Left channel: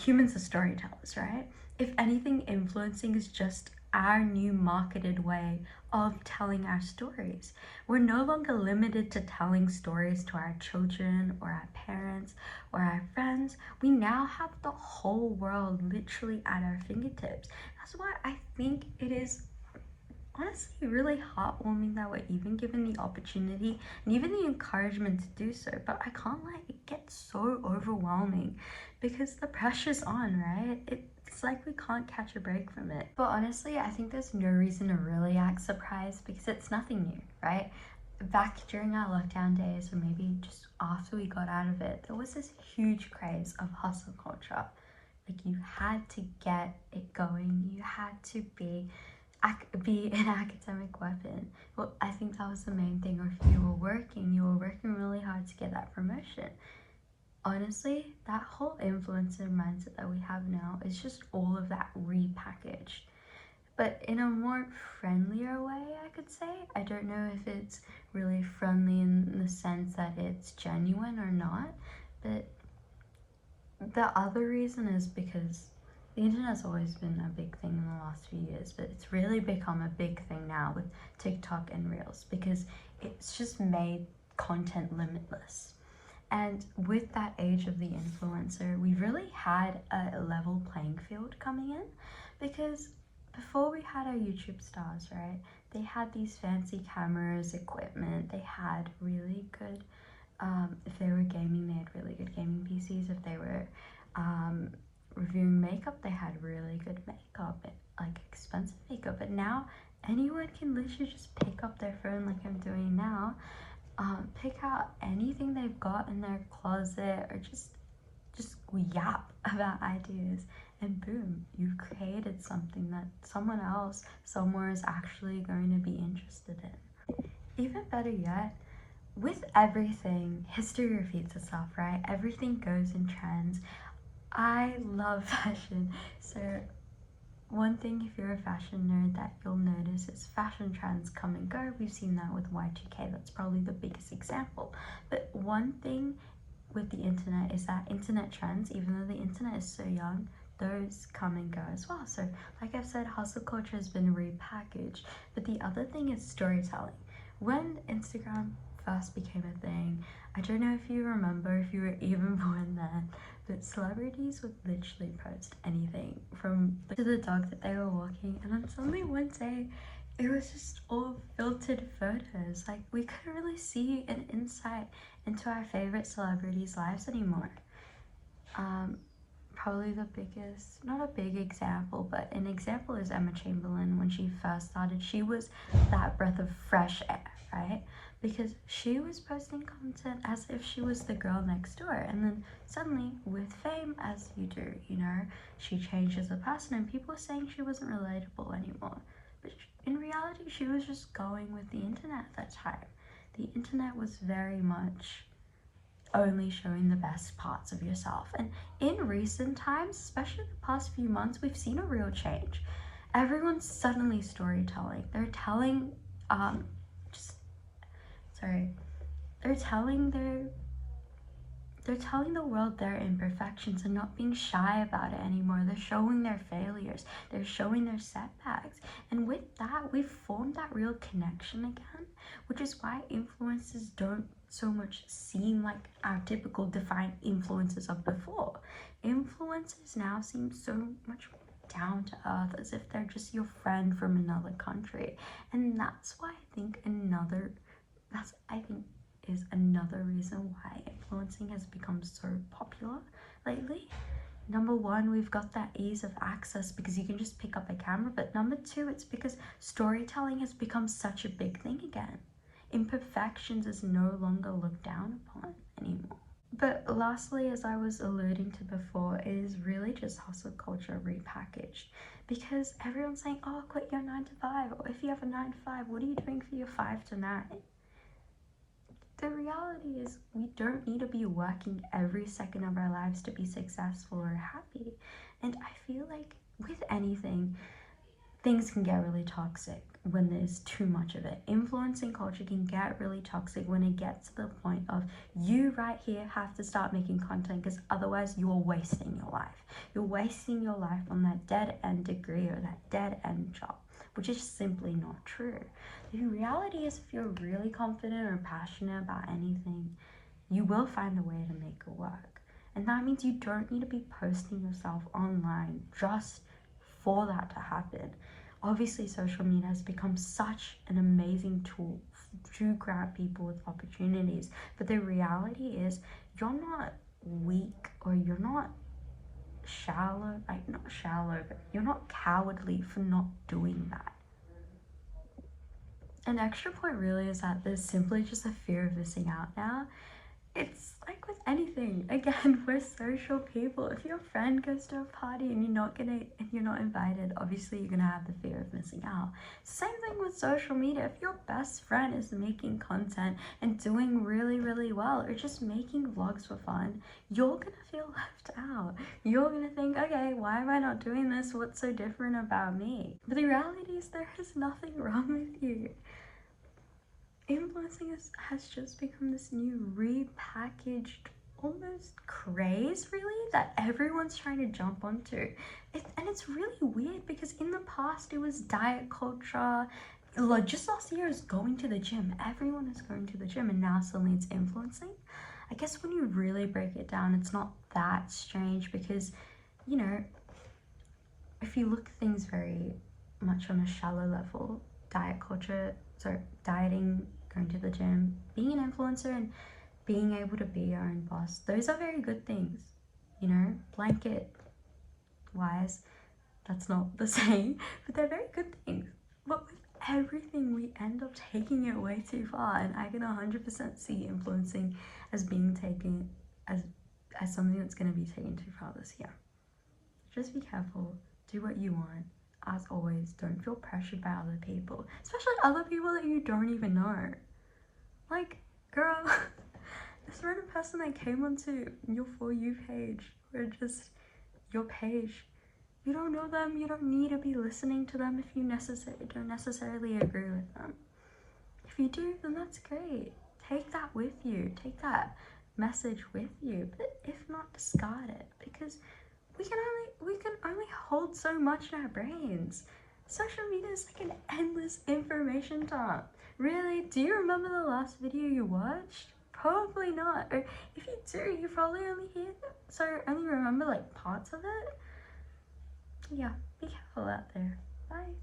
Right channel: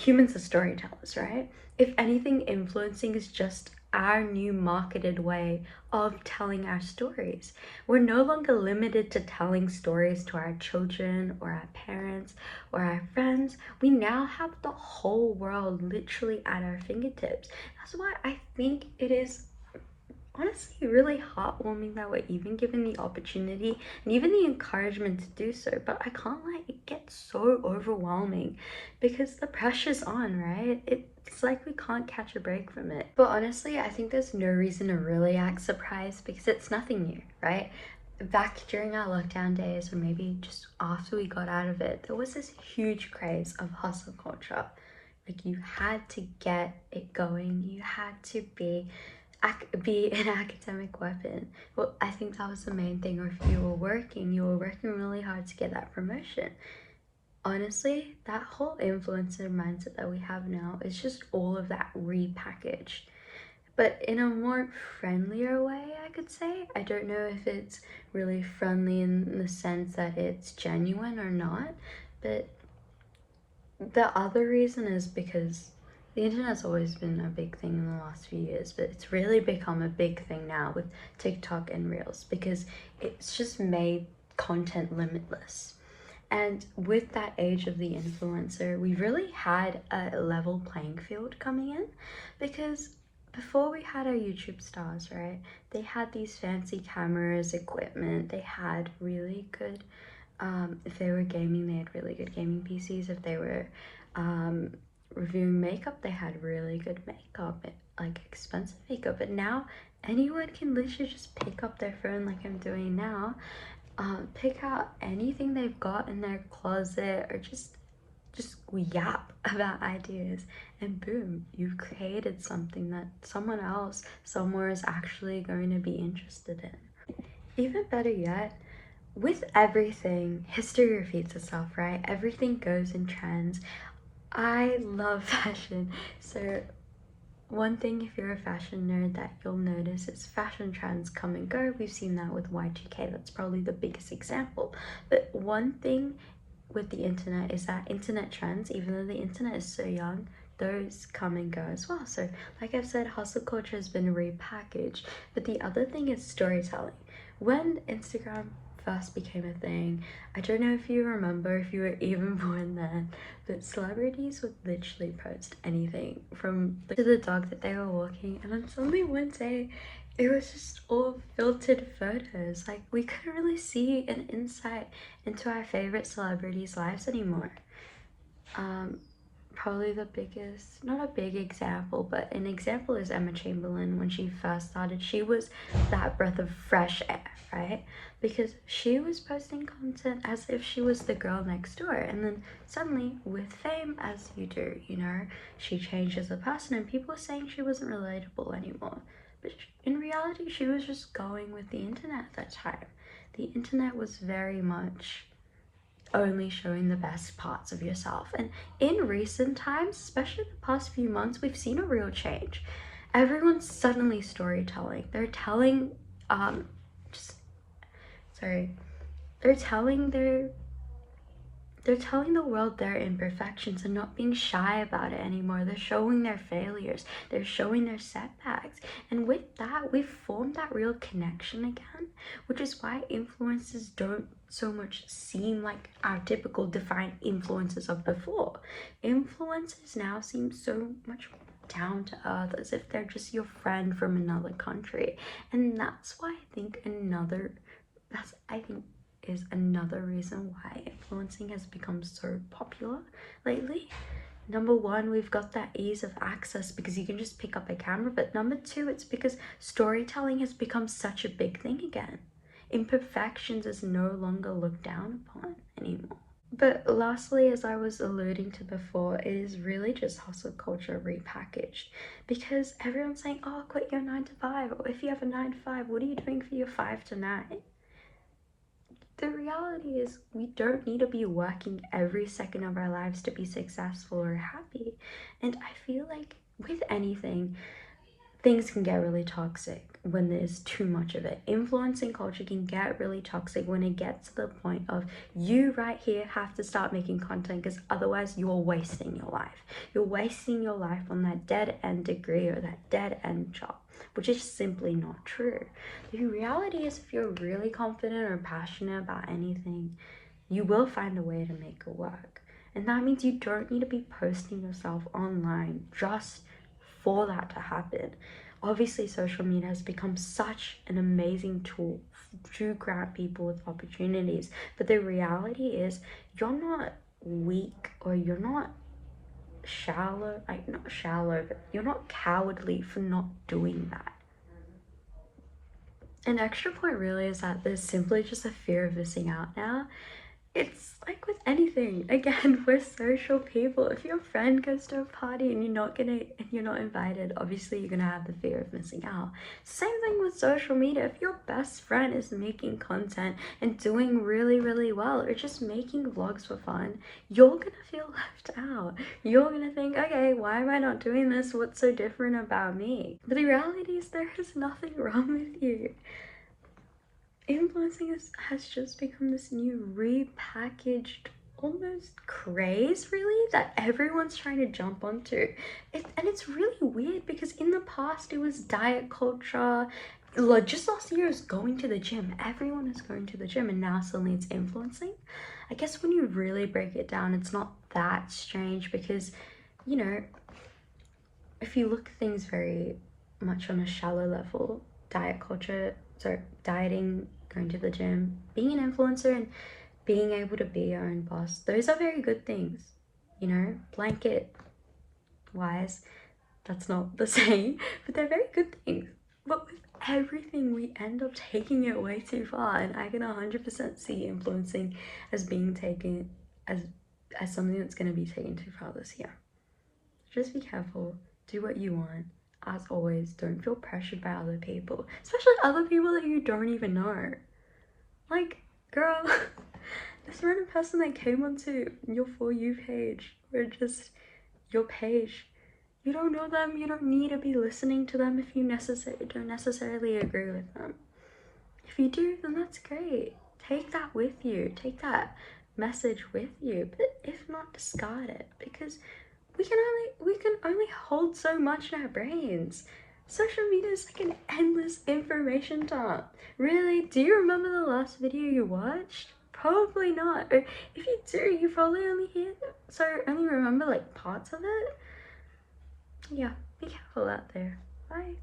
humans are storytellers, right? If anything, influencing is just our new marketed way of telling our stories. We're no longer limited to telling stories to our children or our parents or our friends. We now have the whole world literally at our fingertips. That's why I think it is honestly really heartwarming that we're even given the opportunity and even the encouragement to do so. But I can't lie, it gets so overwhelming because the pressure's on, right? It's like we can't catch a break from it. But honestly, I think there's no reason to really act surprised because it's nothing new, right? Back during our lockdown days, or maybe just after we got out of it, there was this huge craze of hustle culture. Like, you had to get it going, you had to be an academic weapon. Well, I think that was the main thing. Or if you were working really hard to get that promotion. Honestly, that whole influencer mindset that we have now is just all of that repackaged, but in a more friendlier way, I could say. I don't know if it's really friendly in the sense that it's genuine or not, but the other reason is because the internet's always been a big thing in the last few years, but it's really become a big thing now with TikTok and Reels because it's just made content limitless. And with that age of the influencer, we really had a level playing field coming in because before we had our YouTube stars, right? They had these fancy cameras, equipment, they had really good if they were gaming, they had really good gaming PCs. If they were reviewing makeup, they had really good makeup, like expensive makeup. But now anyone can literally just pick up their phone like I'm doing now, pick out anything they've got in their closet, or just yap about ideas, and boom, you've created something that someone else somewhere is actually going to be interested in. Even better yet, with everything, history repeats itself, right? Everything goes in trends. I love fashion. So one thing, if you're a fashion nerd, that you'll notice is fashion trends come and go. We've seen that with Y2K. That's probably the biggest example. But one thing with the internet is that internet trends, even though the internet is so young, those come and go as well. So like I've said, hustle culture has been repackaged. But the other thing is storytelling. When Instagram first became a thing, I don't know if you remember, if you were even born then, but celebrities would literally post anything from to the dog that they were walking, and then suddenly one day it was just all filtered photos. Like, we couldn't really see an insight into our favorite celebrities' lives anymore. Um, Probably the biggest, not a big example, but an example is Emma Chamberlain. When she first started, she was that breath of fresh air, right? Because she was posting content as if she was the girl next door, and then suddenly, with fame, as you do, she changed as a person, and people were saying she wasn't relatable anymore. But in reality, she was just going with the internet at that time. The internet was very much only showing the best parts of yourself. And in recent times, especially the past few months, we've seen a real change. Everyone's suddenly storytelling. They're telling, just sorry, they're telling their they're telling the world their imperfections and not being shy about it anymore. They're showing their failures, they're showing their setbacks. And with that, we've formed that real connection again, which is why influences don't so much seem like our typical defined influences of before. Influences now seem so much down to earth, as if they're just your friend from another country. And that's why I think is another reason why influencing has become so popular lately. Number one, we've got that ease of access because you can just pick up a camera, but number two, it's because storytelling has become such a big thing again. Imperfections is no longer looked down upon anymore. But lastly, as I was alluding to before, it is really just hustle culture repackaged, because everyone's saying, oh, quit your 9 to 5, or if you have a 9 to 5, what are you doing for your 5 to 9? The reality is, we don't need to be working every second of our lives to be successful or happy. And I feel like with anything, things can get really toxic when there's too much of it. Influencing culture can get really toxic when it gets to the point of you right here have to start making content, because otherwise you're wasting your life. You're wasting your life on that dead end degree or that dead end job, which is simply not true. The reality is, if you're really confident or passionate about anything, you will find a way to make it work. And that means you don't need to be posting yourself online just for that to happen. Obviously, social media has become such an amazing tool to grant people with opportunities, but the reality is, you're not weak, or you're not shallow, like not shallow, but you're not cowardly for not doing that. An extra point really is that there's simply just a fear of missing out now. It's like with anything, again, we're social people. If your friend goes to a party and you're not invited, obviously you're gonna have the fear of missing out. Same thing with social media. If your best friend is making content and doing really well, or just making vlogs for fun, you're gonna feel left out. You're gonna think, okay, why am I not doing this? What's so different about me? But the reality is, there is nothing wrong with you. Influencing has just become this new repackaged almost craze, really, that everyone's trying to jump onto. And it's really weird, because in the past it was diet culture. Like, just last year it was going to the gym. Everyone is going to the gym, and now suddenly it's influencing. I guess when you really break it down, it's not that strange, because, you know, if you look at things very much on a shallow level, diet culture, so dieting, going to the gym, being an influencer, and being able to be your own boss, those are very good things. You know, blanket wise, that's not the same, but they're very good things. But with everything, we end up taking it way too far, and I can 100% see influencing as being taken as something that's going to be taken too far this year. Just be careful, do what you want. As always, don't feel pressured by other people, especially other people that you don't even know. Like, girl, this random person that came onto your For You page, or just your page, you don't know them, you don't need to be listening to them if you don't necessarily agree with them. If you do, then that's great. Take that with you, take that message with you, but if not, discard it, because we can only hold so much in our brains. Social media is like an endless information dump. Really, do you remember the last video you watched? Probably not. Or if you do, you probably only remember like parts of it. Yeah, be careful out there. Bye.